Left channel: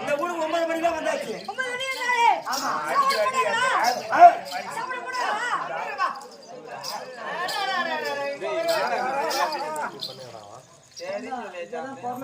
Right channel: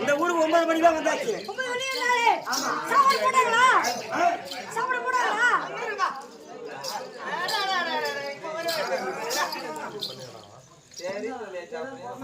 இந்த ஊருக்கு 9 மணிக்கு தான் வந்தாச்சு. 9 மணி ஆனாலே ஆமா சாப்பிட போடா சாப்பிட போடா சரி சொல்லே சாப்பிடுறேன்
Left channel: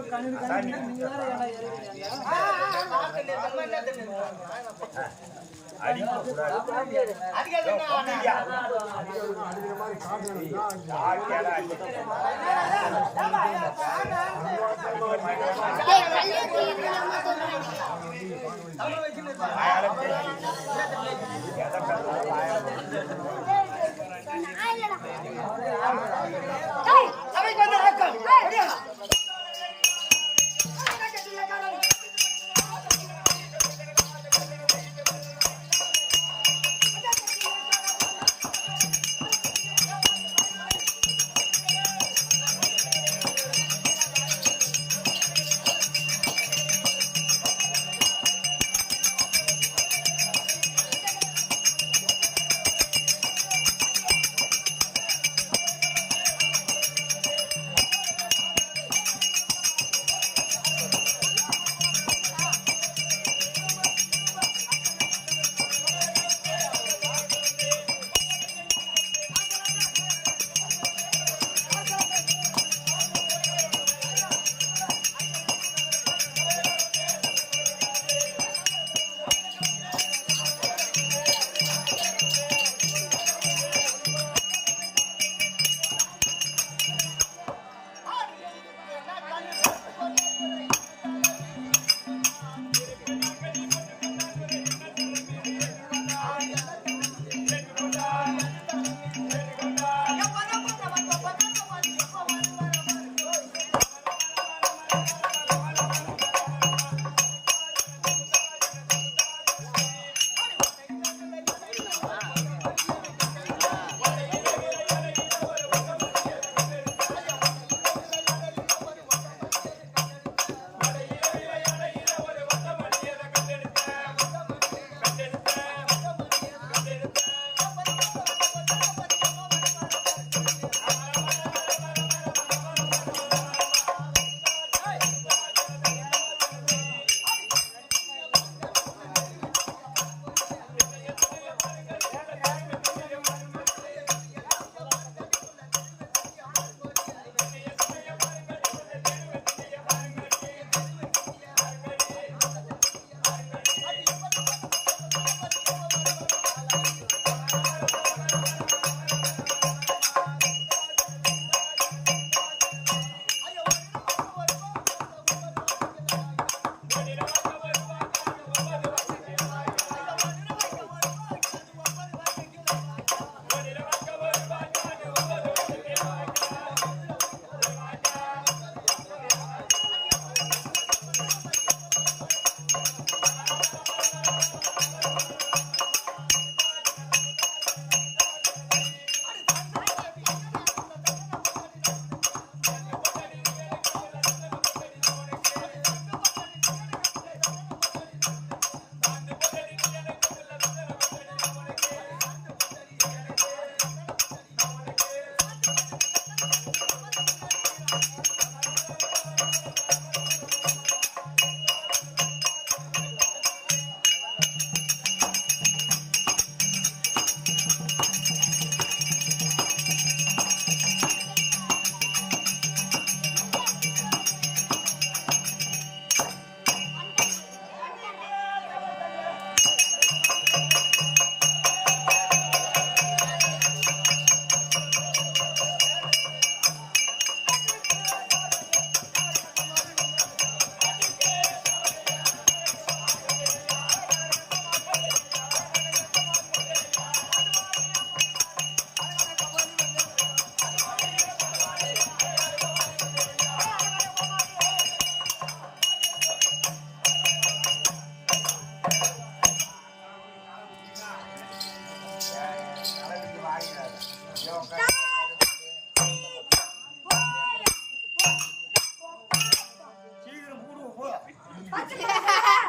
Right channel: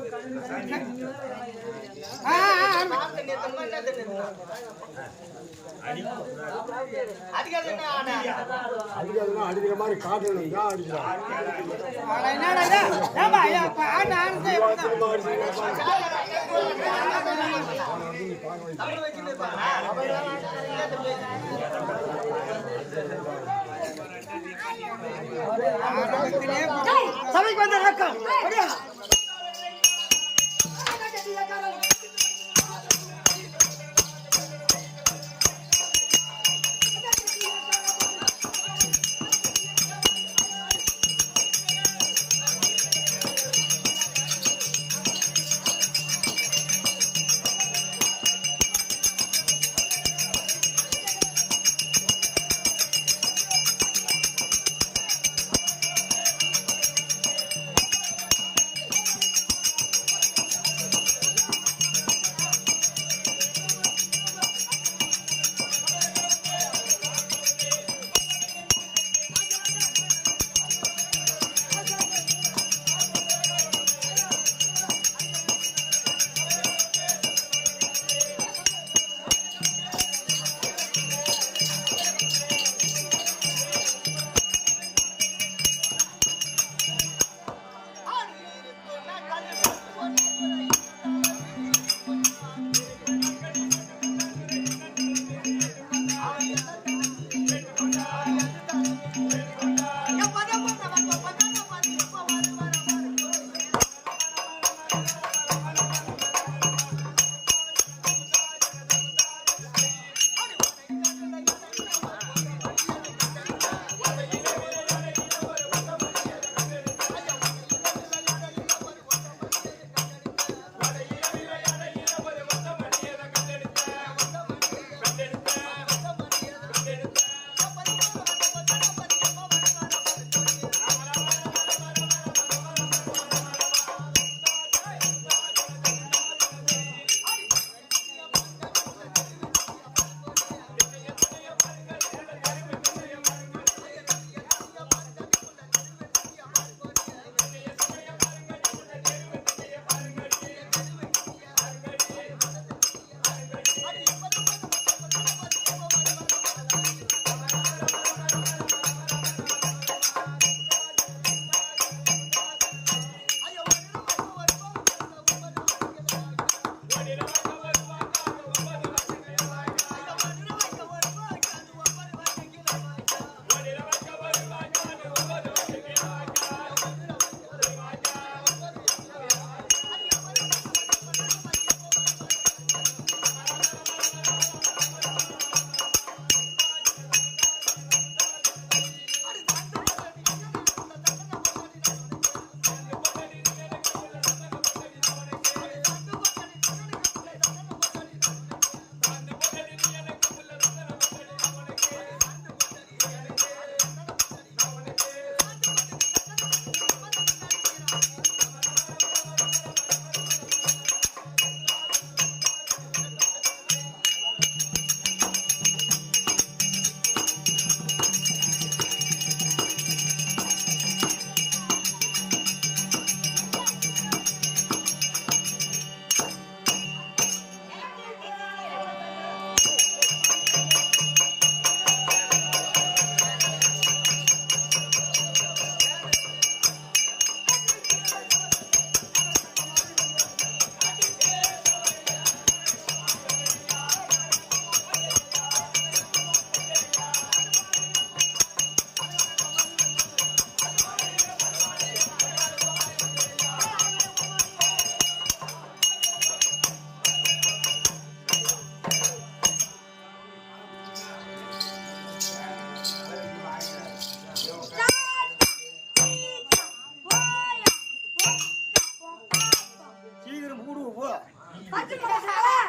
சபைக்கு வந்த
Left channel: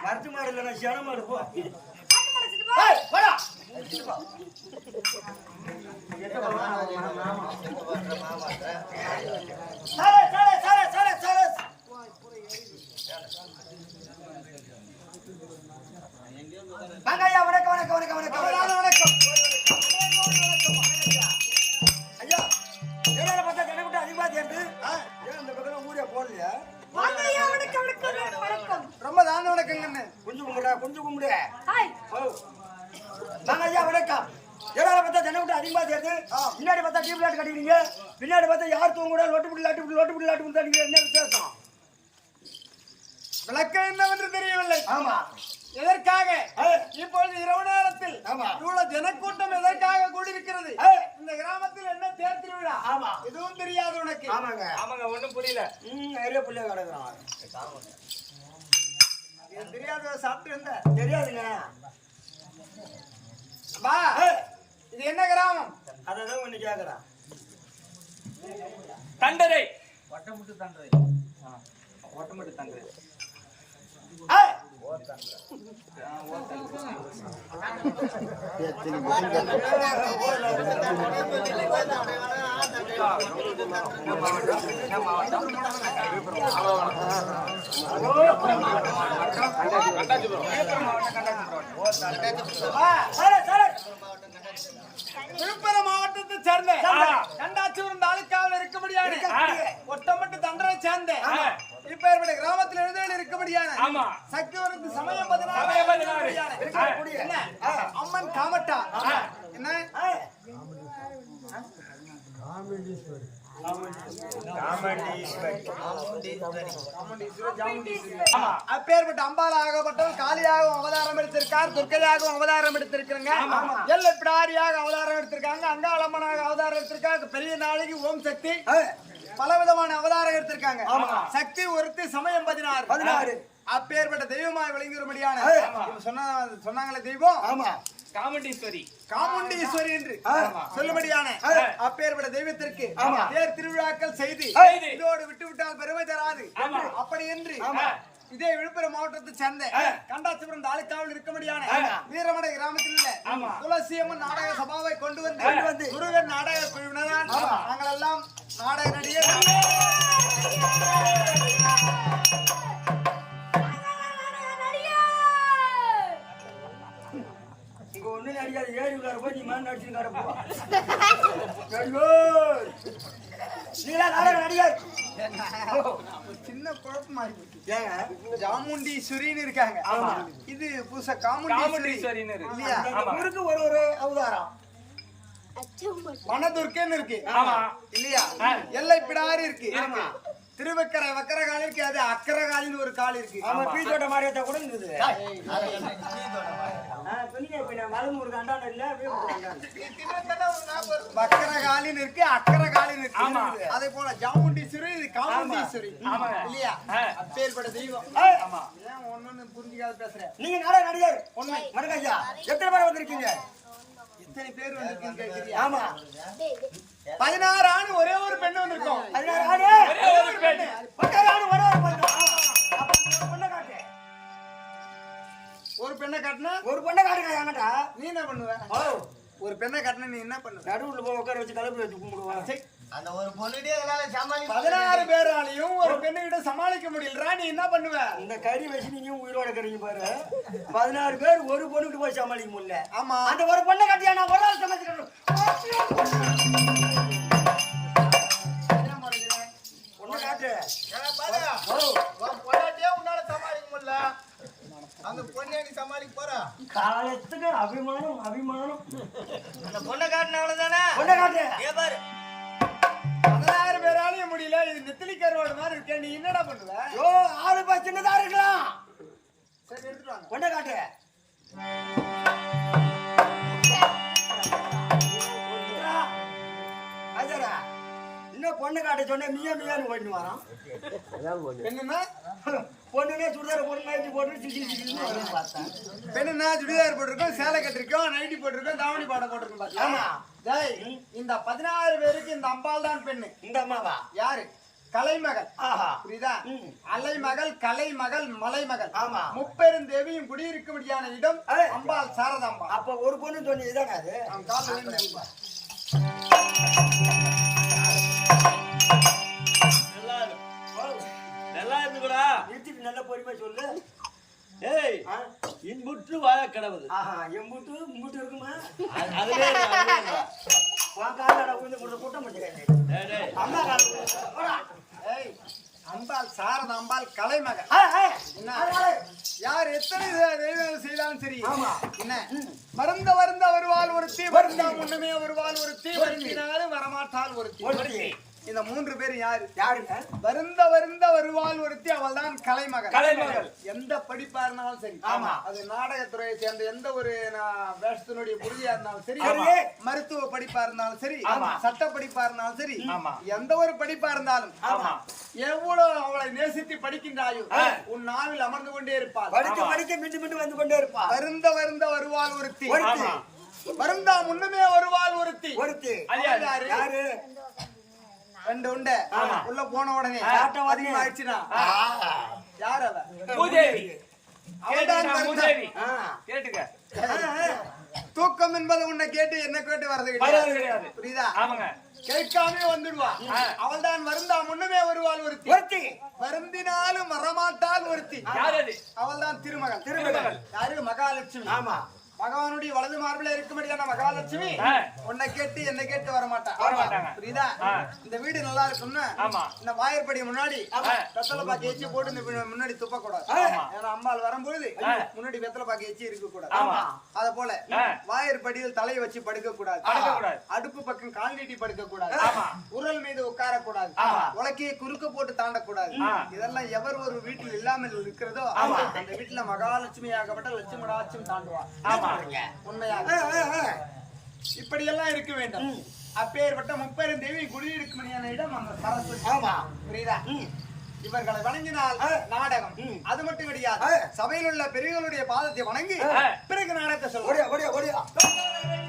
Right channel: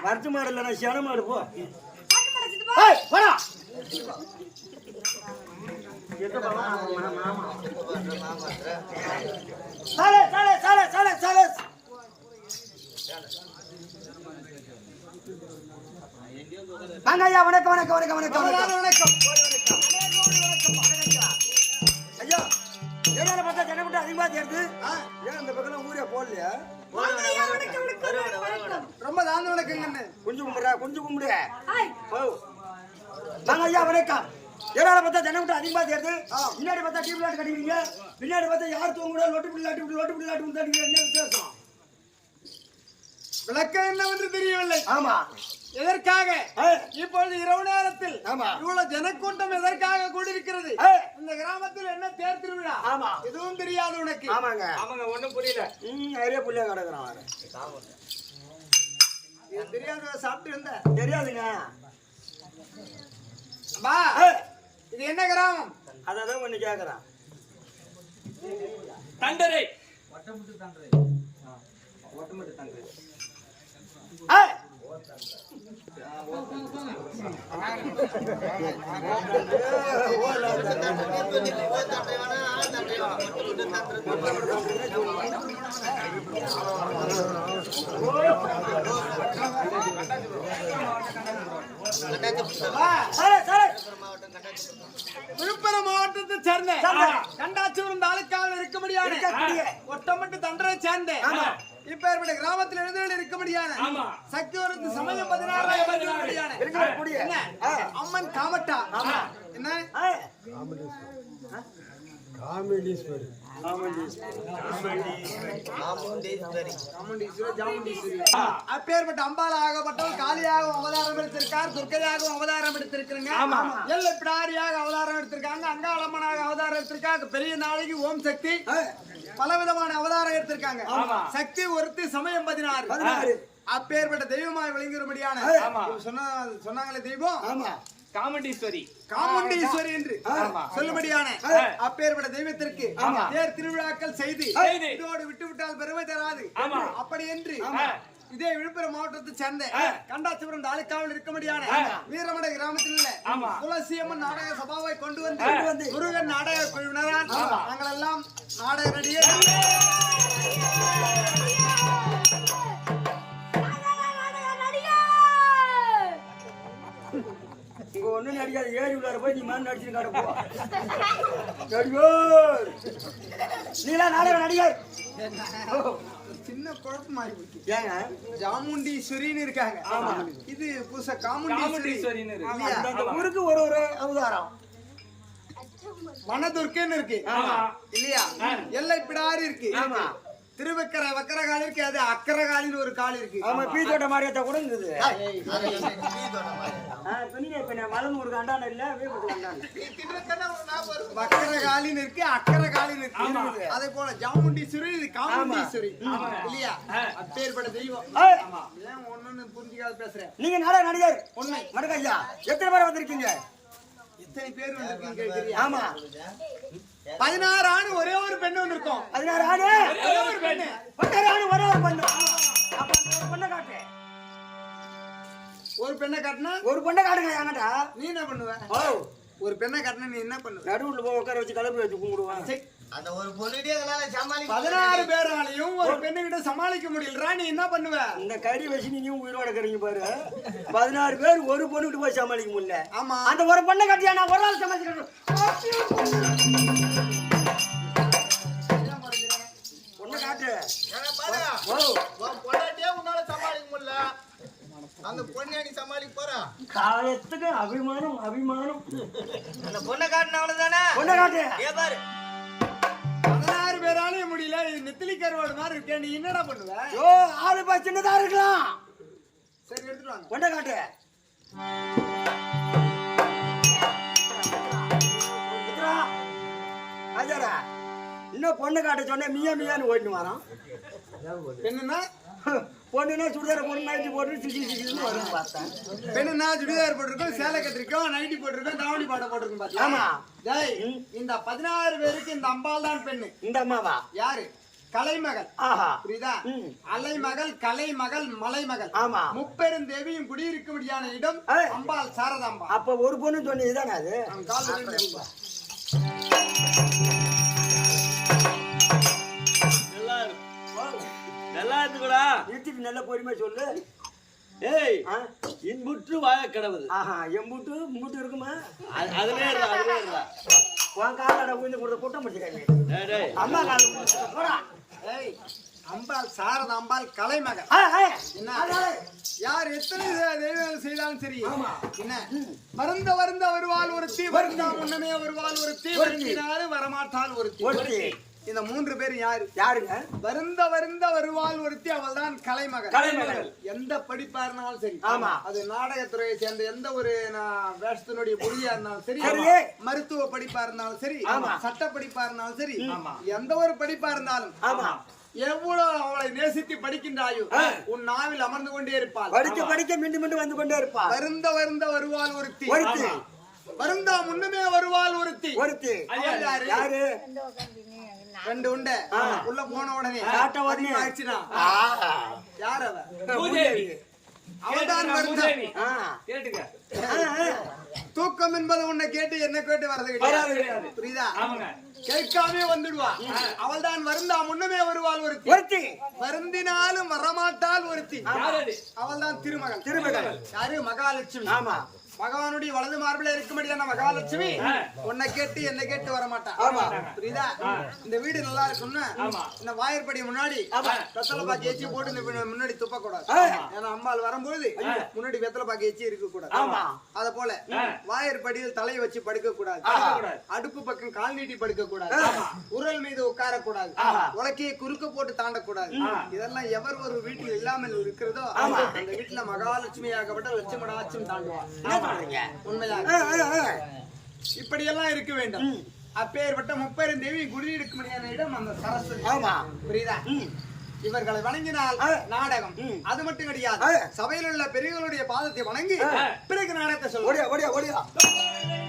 வர்ஜ மாடல நான் சன மாடு போ பாட்டு மடச்சிட்டு போ ஏய் போடா சாலே சாலே சாலே சாலே சாலே வாங்கய்யா வணக்கம் வணக்கம் வணக்கம் வணக்கம் வணக்கம் ஐயா ஏனால பார்த்தா ஜனக்கூட்ட அதிகமா தேர்ந்து ஏன் அந்த பக்கம் ஊரே போடலையா வாங்கய்யா வணக்கம் வணக்கம் வணக்கம் ரொம்ப தான வணக்கங்கன்னு கொஞ்சம் கும்பிடுறா கொஞ்சம் கும்பிடு ஹாய் ஓ வாங்க ஐயா வணக்கம் ஏனால பார்த்தா ஜனக்கூட்ட அதிகமா தேர்ந்து முன்னாடி பார்த்தா டீப் லாட் கட்டிக்கிறீங்க பின்னாடி பார்த்தா யார் தூங்குறா லொட்டு புடி லாட்டு என்ன விசேஷம் விளக்கம் என்னவென்று தெரியவில்லை. ஆமா எதற்காக இப்பொழுது இரவு நேரத்தில் இவ்வளவு ஜனக்கூட்டம் எதற்காக கூடியிருக்கிறது? இந்த கிராமத்தில் என்ன தேர் திருவிழா? ஆமா எதுவும் தெரியாது உனக்கு? ஆமாங்க ஆமாங்க ஒண்ணும் புரியல. நிறைய புள்ளைய கிடக்குறான் தெரியாத சாப்பிட்டு இருந்த தெரியாதுங்க. பா இது என்ன கிராமம்? அதான் ஒண்ணு கேக்குறான். தண்டரை ஒட்டமுட்டு தண்டரை. ஒட்டமுட்டு தண்டரை. விழுப்புரம் மாவட்டத்தை சேர்ந்த கண்டாச்சிபுரம் தாலுக்காவில் இருக்க முடியாது ஒட்டமட்டு தண்டரை சேர்ந்த இப்ப ஏற்பட்ட கிராமத்தில் எழுதில் இருக்க முடியாது சக்தி ஒரு சமயம் 16 என்ன அம்மன் காமட்டா என்ன அப்பேற்பட்ட அம்பாள் ஆகப்பட்டவள் காளியாகவும் அவதாரம் எடுத்திருக்கார், துர்க்கையாகவும் அவதாரம் எடுத்திருக்காங்க, எல்லை பிடாரியாக அவதாரம் எடுத்திருக்காங்க, அங்காளம்மனாக அவதாரம் எடுத்திருக்காங்க, பெரிய நாளைக்கு ஓம் சக்தி பலவிதமான அவதாரம் எடுத்திருக்காங்க. சக்தி ஒருத்தி சமயம் 16 அப்பேற்பட்ட தெய்வமாய் விளங்கிடும்படியான சொன்னாங்களே தெய்வம் காமுண்டீஸ்வரி என்று சொல்லும்படியான அப்பேற்பட்ட தெய்வத்திற்கு தேர் திருவிழாக்கள் செய்து இதோடு விட்டுவிட்டால் பெருமை தராது. அப்படி என்று இதே விழுப்புரம் மாவட்டத்தை சேர்ந்த கண்டாச்சிபுரம் தாலுக்காவில் இருக்க முடியான வீரமடை கிராமத்தில் உள்ள துளசியம்மன் நாடக சபாவை கொண்டு வந்து முருகன் நாடக குழுவினரால் நாங்கள் எல்லாம் நாடக நடிகர் நடிக்காத ஏறி உள்ளார போய் நீ மாதிரி நடிச்சு காட்ட போ நடிகர் நீலா நாடக நடிகர் ஒரு சின்ன குழப்பமாயி போச்சு. ஏங்க ஜாமுண்டீஸ்வரின்னு இருக்காங்க. இது புதுசா காமுண்டீஸ்வரின்னு இருக்கு இல்லையா? அந்த ஊருக்கு ஒரு அவதாரம் வனதுர்க்கன்னு இருக்கு இல்லையா? எல்லை பிடாரி இருக்கு. திருவக்கரை வக்கரகாலி இருக்கு. அது அக்கரகாலின்னு ஒரு கால் இருக்கு. ஆமா பீத்தோட்ட மாரியத்தை கூட இருந்தது மலனூருக்கு அண்டாண்ட இல்ல வீட்டுக்கு அண்டாண்ட வக்கரகாலின்னு இருக்கு அக்கரகாலின்னு இருக்கு. அதே போல ஜாமுண்டீஸ்வரி இது காமுண்டீஸ்வரி இல்லையா? அப்பேற்பட்ட தெய்வம். ஏன் ஒண்ணுன்னு புரிஞ்சுக்காத பேசுறேன். நீங்க நாடக நடிகர் உண்மை மடக்க ஐயா எத்தனை பேர் வந்திருக்கீங்க? எத்தனை பேர் வந்திருக்கீங்க கேக்குறியா? ஆமா 16 ஆண் ஒரே ஒரு பெண்ணு வந்திருக்கோம். 16 ஆணு ஒரே ஒரு பெண்ணு. 16 ஆணு ஒரே ஒரு பெண்ணு. அப்ப ஒரு பொண்ணை காட்டு. ஒரு பெண்ணை காட்டினா ஒரு பொண்ணை காட்டுங்க என்கிட்ட. நீ என்ன பண்ணுவ? ஒரு பெண்ணை காட்டினா நீ என்ன பண்ணுவ? நடுவுல போய் உட்கார வச்சு கலப்பு வச்சு கும்பிடுவான். அந்த ஒரு பொண்ணுகிட்டே எங்களால சமாளிக்க 16 பேராலையும் ஒரு பெண்ணுகிட்ட சமாளிக்க முடியலடா. நீ என்ன பண்ணுவ? இந்த கறி வச்சு நீங்க உயிரோட கறீங்க பாரு. 16 பேர் ஒரு பொண்ணுகிட்ட போய் சமாளிக்க முடியல. ஆமா அந்த ஒரு பொண்ணை காட்டியா நான் ஒரு நாள் சமாளிக்கிறேன். பொண்ணை காட்டு. பொண்டாட்டியே உன்னால சமாளிக்க முடியல. அந்த பொண்ணை நீ சமாளிக்க போற காலத்துக்கு அபிமானம் அபிமானம். அந்த பொண்ணை காட்டின அவ்வளவுதானே. பொண்ணை காட்டு. ஏ பாரு 16 பேராலையும் முடியல. இது நெத்திலி கருவாடு மாதிரி இருக்கே. நீ என்னடா பண்ணுவ? ஓ ஆளு பா சின்னதா இருக்கலாம். சரி எடுத்துட்டு வாங்க. பொண்ணை காட்டு. அஜரா இன்னும் பொண்ணு காட்ட சொன்ன மியா மியான்னு ஓடினு வரான். பெண்ணுன்னா பொண்ணுன்னா சுடிதார பொண்ணு நைட்டி போட்டு சிசி சிசின்னு வரும்னு பார்த்தேன். பெண்ணுன்னா சுடிதார் போட்டிருக்கோம், சேலை கட்டிருக்கோம், நைட்டி போட்டிருக்கோம், தாவணி பாட போட்டிருக்கோம். பாத்தியா? ஆமா. டேய் இந்த 16 பேருக்கு இந்த அம்பாள் தான் பெண்ணு. இந்த அம்மாவா? யாரு? கலைமகள். ஆஹா புரியுதா? அலைமகள், கலைமகள், மலைமகள். ஆமா. முப்பெருந்தேவியும் குடியிருக்கும்படியான இடம் அம்பாள் சாரதாம்பா. அப்ப ஒரு பொண்ணு சொன்ன இதானே அது? அவன் கால்ல விழுந்து நல்லா இருந்துக்கூடா நிறுத்திட்டு நல்ல பொறுமை சொல்லு. ஏய் இன்புற்று வாழ கடவுது ஆஹா எம்புட்டு முட்டு இருக்குமா? அதுல உன் காலடா உயிர்ந்து கொடுத்த கூட்டம் முடிச்சுக்காங்க. அம்மா கால போடா. ஏய் அம்பாள் சாரதாம்பாள் கலைமகள். என்ன யார் எத்தனை தெய்வம் செய்தாலும் சரி. ஆமா. என்ன வருந்த வருவாள் ஒருத்தி, வருந்தா முன்னமே வருவாள் ஒருத்தி, வருந்தினாலும் வரமாட்டாள் ஒருத்தி. இந்த 3 பேரும் யாரு? யாருங்க? வருந்த வருவாள் ஒருத்தி, அவள் தான் கலைமகள். எந்த படிப்பா இருந்தாலும் சரி. ஆமா. அது நாடகத்துறையை சேர்ந்த எந்த ஒரு வேஷத்தினுடைய புரிதியா இருந்தாலும் சரி, மருத்துவ படிப்பா இருந்தாலும் சரி, சட்ட படிப்பா இருந்தாலும் சரி, எந்த ஒரு படிப்பா இருந்தாலும் எவ்வளவு அவளை நேசித்து படிக்கின்றாயோ உன் நாவில் அமர்ந்து கொண்டே இருப்பாள். படிக்க மீண்டும் மீண்டும் வந்து கொண்டே இருப்பாள். வருந்த வருவாள் ஒருத்தி, வருந்தா முன்னமே வருவாள் ஒருத்தி. யாரு? 2 உண்டை உள்ள போன உடனே அதிகமாயிடுச்சுனா யார் அவ? பூதேவி. அவள்தான் பூதேவி. கேட்டுக்க. தூக்கம் என்பது உன்னை கேட்டு என்ன கேட்டு வரது கிடையாது. புரியுதா? ஆமாங்க. கேட்காமே வந்துடுவா. அவள் தான் வருந்தா முன்னமே வருவாள் ஒருத்தி, வருந்தினாலும் வரமாட்டாள் ஒருத்தி. அவள் தான் திருமகள். யாரு? மகாலட்சுமி. ஆமா. பகவானுடைய வலது மார்பில இருக்கும்படியான மகாலட்சுமி உன்னை கேட்டு என்ன கேட்டு வரமாட்டா. புரியுதா? இந்த வீடு நல்லா இருக்கும்னு இந்த வாயிற்படி முன்னாடி வெத்தலை பாக்கி ஏச்சி போட்டு இந்த முன்னாடி துப்ப கூடாது. ஏன்னா அம்பாள் வரும்போது முன்னாடி வெத்தலை பாக்கி ஏச்சி இருக்க கூடாது. அத போல வாயிற்படியில் தலையை வச்சு படுக்க கூடாது. அடுப்பு பக்கம் கால் நீட்டி படுக்க கூடாது. உரல் மீது உட்கார கூடாது. உலக்கையை குறுக்க போட்டு தாண்டக்கூடாது. இதெல்லாம் எவர் ஒரு வீட்டில் இல்லாமல் இருக்கிறதோ அந்த வீட்டுல மகாலட்சுமி ஆகப்பட்ட லட்சுமடாச்சும் தாண்டுவார். உண்மையாக இப்படி எல்லாம் இருக்க வேண்டும். அப்பேற்பட்ட முப்பெருந்தேவி குடியிருக்கும்படியான இடம் அந்த சரஸ்வதி. புரியுதா? இவர்களை வணங்கினால் நாடகம். அது மட்டும் கிடையாது, சபையில் உள்ள பெரியவர்களுடைய பாதத்தை வணங்கி பிறகு நாடகத்தை சொல்லுவோம்.